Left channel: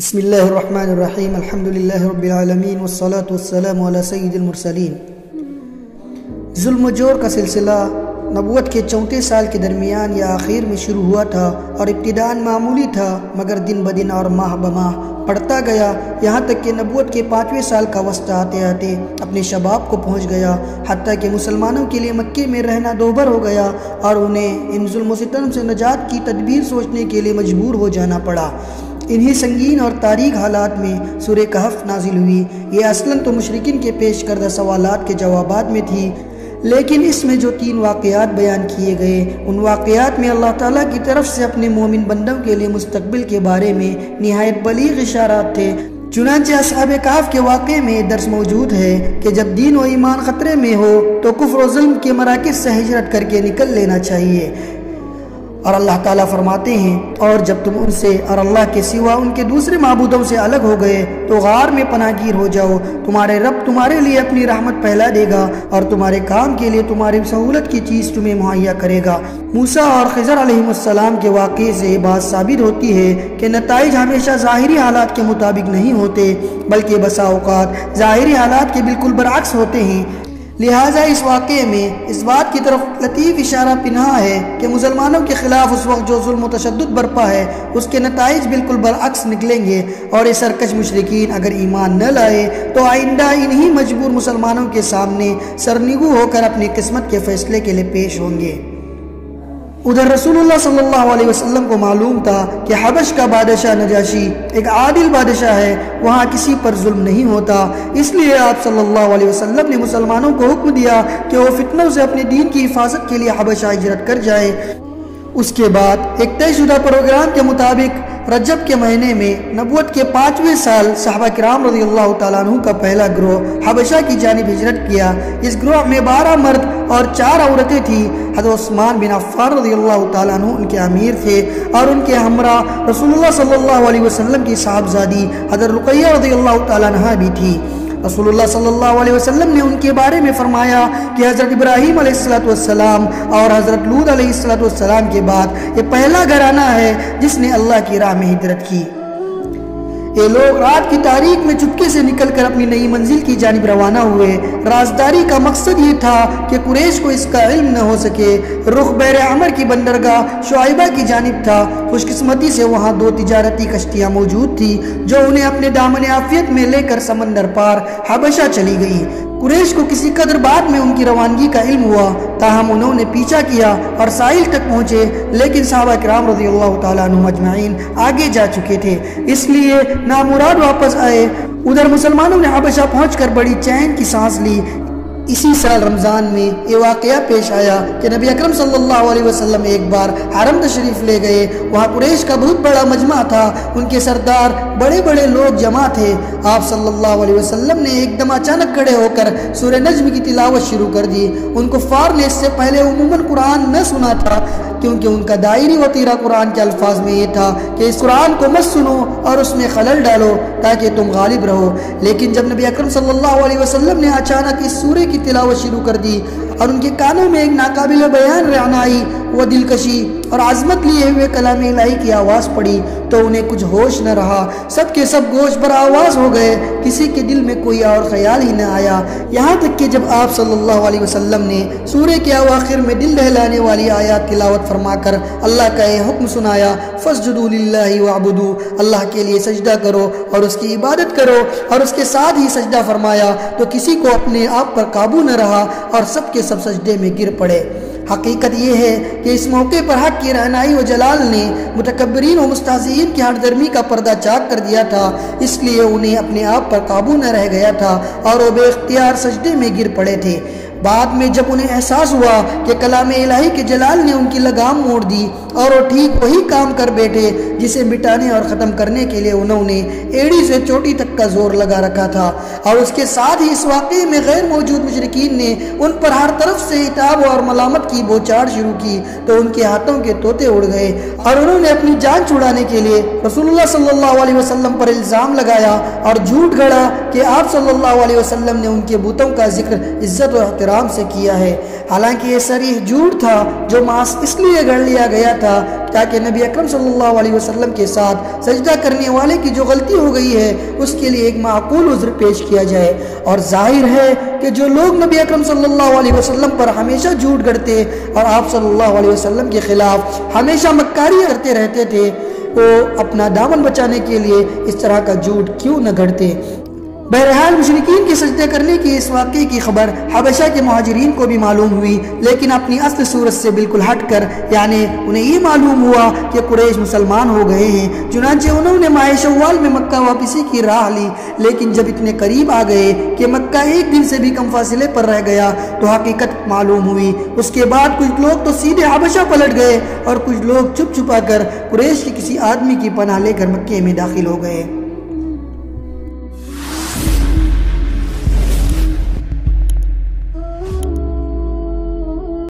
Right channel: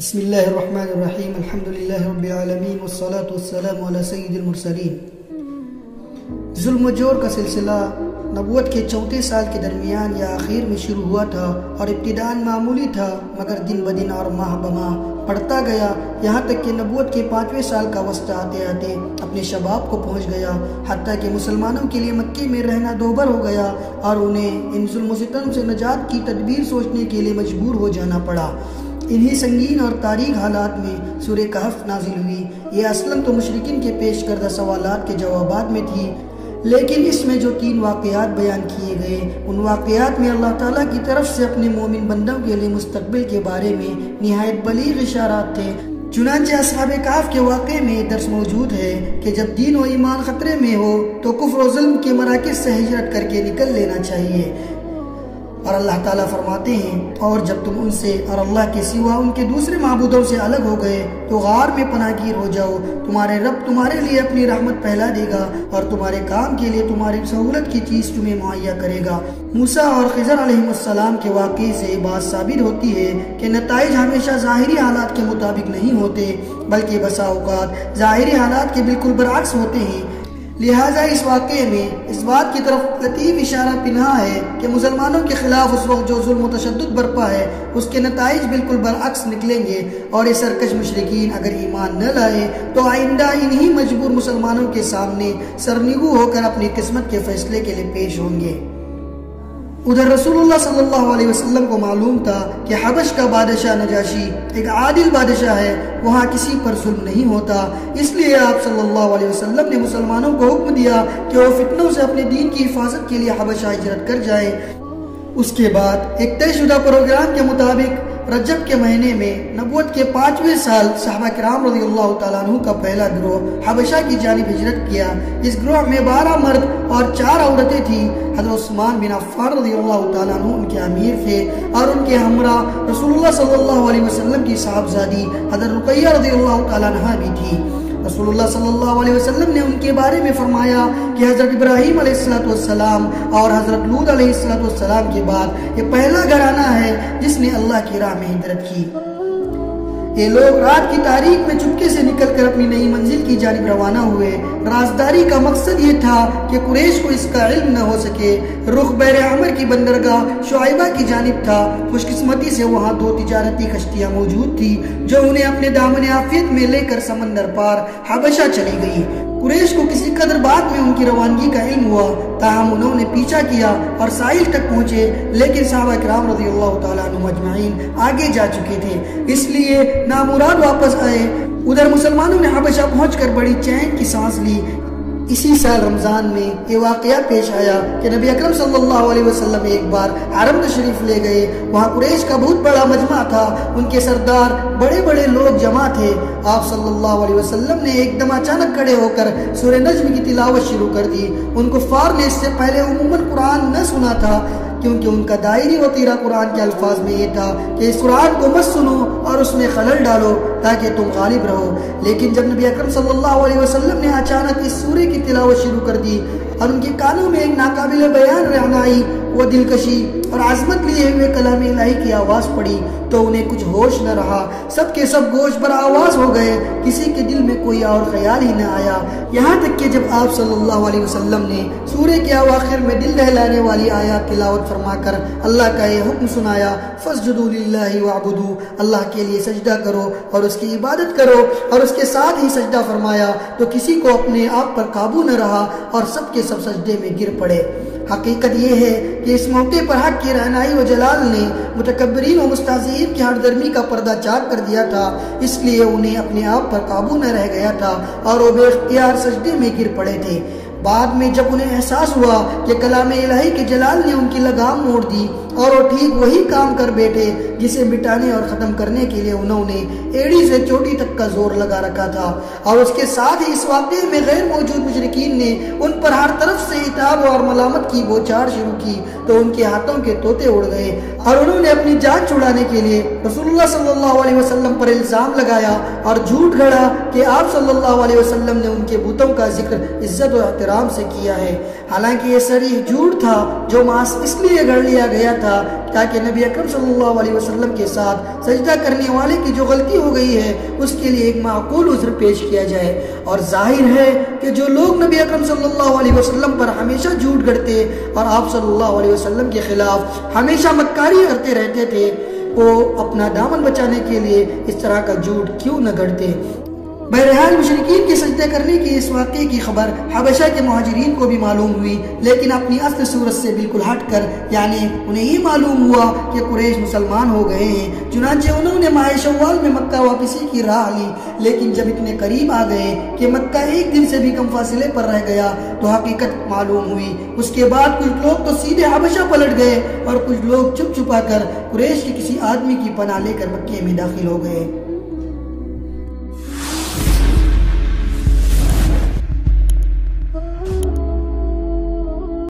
بسم اللہ الرحمن الرحیم الحمدللہ رب العالمین والصلاة والسلام علی سید المرسلین۔ ظلم و جور کا سلسلہ نبوت کے 34 سال کے درمیان یا آخر میں شروع ہوا تھا اور ابتداءً معمولی تھا، مگر دن بدن اور ماہ بماہ بڑھتا گیا، یہاں تک کہ نبوت کے 5ویں سال کا وسط آتے آتے اپنے شباب کو پہنچ گیا، حتیٰ کہ مسلمانوں کے لیے مکے میں رہنا دوبر ہو گیا اور انہیں ان ظلم و ستم سے نجات کی تدبیر سوچنے کے لیے مجبور ہو جانا پڑا۔ انہی سنگین اور تاریک حالات میں سورہ کہف نازل ہوئی۔ یہ اصلاً تو مشرکین کے پیش کردہ سوالات کے جوابات میں تھی، لیکن اس میں جو 3 واقعات بیان کیے گئے، ان واقعات میں اللہ تعالیٰ کی طرف سے اپنے مومن بندوں کے لیے مستقبل کے بارے میں نہایت بلیغ اشارات تھے۔ چنانچہ اصحاب کہف کے واقعے میں درس موجود ہے کہ جب دین و ایمان خطرے میں ہو تو کفر و ظلم کے مراکز سے ہجرت کر کے نکل لینا چاہیے، اور اللہ تعالیٰ فرماتے ہیں اور جب تم ان سے اور اللہ کے سوا ان کے دوسرے معبودوں سے الگ ہو گئے تو غار میں پناہ گیر ہو جاؤ، تمہارے رب تمہارے لیے اپنی رحمت پھیلا دے گا اور تمہارے کام کے لیے تمہاری سہولت کی چیز تمہیں مہیا کرے گا۔ موسیٰ اور خضر علیہ السلام کے واقعے سے بات ثابت ہوتی ہے کہ نتائج ہمیشہ ظاہری حالات کے مطابق نہیں ہوتے، بلکہ بسا اوقات ظاہری حالات کے بالکل برعکس ہوتے ہیں۔ لہٰذا اس واقعے میں اس بات کی طرف لطیف اشارہ پنہا ہے کہ مسلمانوں کے خلاف اس وقت جو ظلم و تشدد برپا ہے اس کے نتائج بالکل برعکس نکلیں گے، اور یہ سرکش مشرکین اگر ایمان نہ لائے تو آئندہ انہی مجبور مسلمانوں کے سامنے سرنگو ہو کر اپنی قسمت کے فیصلے کے لیے پیش ہوں گے۔ ادھر رسول اللہ صلی اللہ علیہ وسلم کو معلوم تھا کہ حبش کا بادشاہ نجاشی ایک عادل بادشاہ ہے، وہاں کسی پر ظلم نہیں ہوتا، اس لیے آپ صلی اللہ علیہ وسلم نے مسلمانوں کو حکم دیا کہ وہ فتنوں سے اپنے دین کی حفاظت کے لیے حبشہ ہجرت کر جائے۔ اس کے بعد ایک طے شدہ پروگرام کے مطابق رجب کے مہینے میں نبوت کے 5ویں سال صحابہ کرام رضی اللہ تعالیٰ عنہ کا پہلا گروہ حبشہ کی جانب ہجرت کیا۔ اس گروہ میں 12 مرد اور 4 عورتیں تھیں۔ حضرت عثمان بن عفان رضی اللہ تعالیٰ عنہ ان کے امیر تھے، اور ان کے ہمراہ رسول اللہ صلی اللہ علیہ وسلم کی صاحبزادی حضرت رقیہ رضی اللہ تعالیٰ عنہ بھی تھی۔ رسول اللہ صلی اللہ علیہ وسلم نے ان کے بارے میں فرمایا کہ حضرت ابراہیم علیہ السلام اور حضرت لوط علیہ السلام کے بعد یہ پہلا گھرانہ ہے جس نے اللہ کی راہ میں ہجرت کی۔ یہ لوگ رات کی تاریک میں چپکے سے نکل کر اپنی نئی منزل کی جانب روانہ ہوئے۔ رازداری کا مقصد یہ تھا کہ قریش کو اس کا علم نہ ہو سکے۔ رخ بحر عمر کی بندرگاہ شعیبہ کی جانب تھا۔ خوش قسمتی سے وہاں 2 تجارتی کشتیاں موجود تھی جو انہیں اپنے دامن عافیت میں لے کر سمندر پار حبشہ چلی گئی۔ قریش کو کسی قدر بعد میں ان کی روانگی کا علم ہوا، تاہم انہوں نے پیچھا کیا اور ساحل تک پہنچے، لیکن صحابہ کرام رضی اللہ تعالیٰ عنہ اجمعین آگے جا چکے تھے، اس لیے نامراد واپس آئے۔ ادھر مسلمانوں نے حبشہ پہنچ کر بڑی چین کی سانس لی۔ اسی سال رمضان میں یہ واقعہ پیش آیا کہ نبی اکرم صلی اللہ علیہ وسلم ایک بار حرم تشریف لے گئے۔ وہاں قریش کا بہت بڑا مجمع تھا، ان کے سردار بڑے بڑے لوگ جمع تھے۔ آپ صلی اللہ علیہ وسلم نے ایک دم اچانک کھڑے ہو کر سورہ نجم کی تلاوت شروع کر دی۔ ان کفار نے اس سے پہلے عموماً قرآن نہ سنا تھا، کیونکہ ان کا دائری و تیرا قرآن کے الفاظ میں یہ تھا کہ اس قرآن کو مت سنو اور اس میں خلل ڈالو تاکہ تم غالب رہو۔ لیکن جب نبی اکرم صلی اللہ علیہ وسلم نے اچانک اس سورے کی تلاوت شروع کر دی اور ان کے کانوں میں ایک ناقابل بیان رعنائی و دلکشی اور عظمت لیے ہوئے کلام الہی کی آواز پڑی تو انہیں کچھ ہوش نہ رہا، سب کے سب گوش پر آواز ہو گئے، کسی کے دل میں کوئی اور خیال ہی نہ آیا، یہاں تک کہ جب آپ صلی اللہ علیہ وسلم نے سورے کے اواخر میں دل دہلانے والی آیات تلاوت فرما کر اللہ کا یہ حکم سنایا، فَاسْجُدُوا لِلَّهِ وَاعْبُدُوا، اللہ کے لیے سجدہ کرو اور اس کی عبادت کرو، اور اس کے ساتھ ہی سجدہ فرمایا تو کسی کو اپنے آپ پر قابو نہ رہا اور سب کے سب سجدے میں گر پڑے۔ حقیقت یہ ہے کہ اس موقع پر حق کی رہنائی و جلال نے متکبرین و مستہزئین کی ہٹ درمی کا پردہ چاک کر دیا تھا، اس لیے انہیں اپنے آپ پر قابو نہ رہ گیا تھا اور وہ بے اختیار سجدے میں گر پڑے تھے۔ بعد میں جب انہیں احساس ہوا کہ کلام الہی کے جلال نے ان کی لگام موڑ دی اور وہ ٹھیک وہی کام کر بیٹھے جسے مٹانے اور ختم کرنے کے لیے انہوں نے ایڑی سے چوٹی تک کا زور لگا رکھا تھا، اور اس کے ساتھ ہی اس واقعے میں غیر موجود مشرکین نے ان پر ہر طرف سے عتاب اور ملامت کی بوچھاڑ شروع کی تو ان کے ہاتھوں کے طوطے اڑ گئے اور انہوں نے اپنی جان چھڑانے کے لیے رسول اللہ صلی اللہ علیہ وسلم پر الزام لگایا اور جھوٹ گھڑا کہ آپ صلی اللہ علیہ وسلم نے ان کے بتوں کا ذکر عزت و احترام احترام سے کیا ہے۔ حالانکہ یہ صریح جھوٹ تھا جو محض اس لیے گھڑ لیا گیا تھا تاکہ نبی اکرم صلی اللہ علیہ وسلم کے ساتھ سجدہ کرنے والے کی جو غلطی ہو گئی ہے اس کے لیے ایک معقول عذر پیش کیا جائے۔ اور ظاہر ہے کہ جو لوگ نبی اکرم صلی اللہ علیہ وسلم پر ہمیشہ جھوٹ گھڑتے اور آپ صلی اللہ علیہ وسلم کے خلاف ہمیشہ مکاری کرتے رہتے تھے، وہ اپنا دامن بچانے کے لیے اس طرح کا جھوٹ کیوں نہ گھڑتے؟ بہرحال مشرکین کے سجدے کرنے کی اس واقعے کی خبر حبشہ کے مہاجرین کو بھی معلوم ہوئی، لیکن اپنی اصل صورت سے بالکل ہٹ کر، یعنی انہیں یہ معلوم ہوا کہ قریش مسلمان ہو گئے ہیں، چنانچہ انہوں نے ماہ شوال میں مکہ واپسی کی راہ لی۔ لیکن جب اتنے قریب آ گئے کہ مکہ ایک دن سے بھی کم فاصلے پر رہ گیا تو حقیقت معلوم ہوئی۔ اس کے بعد کچھ لوگ تو سیدھے حبشہ پلٹ گئے اور کچھ لوگ چھپ چھپا کر قریش کے کسی آدمی کی پناہ لے کر مکے میں داخل ہو گئے۔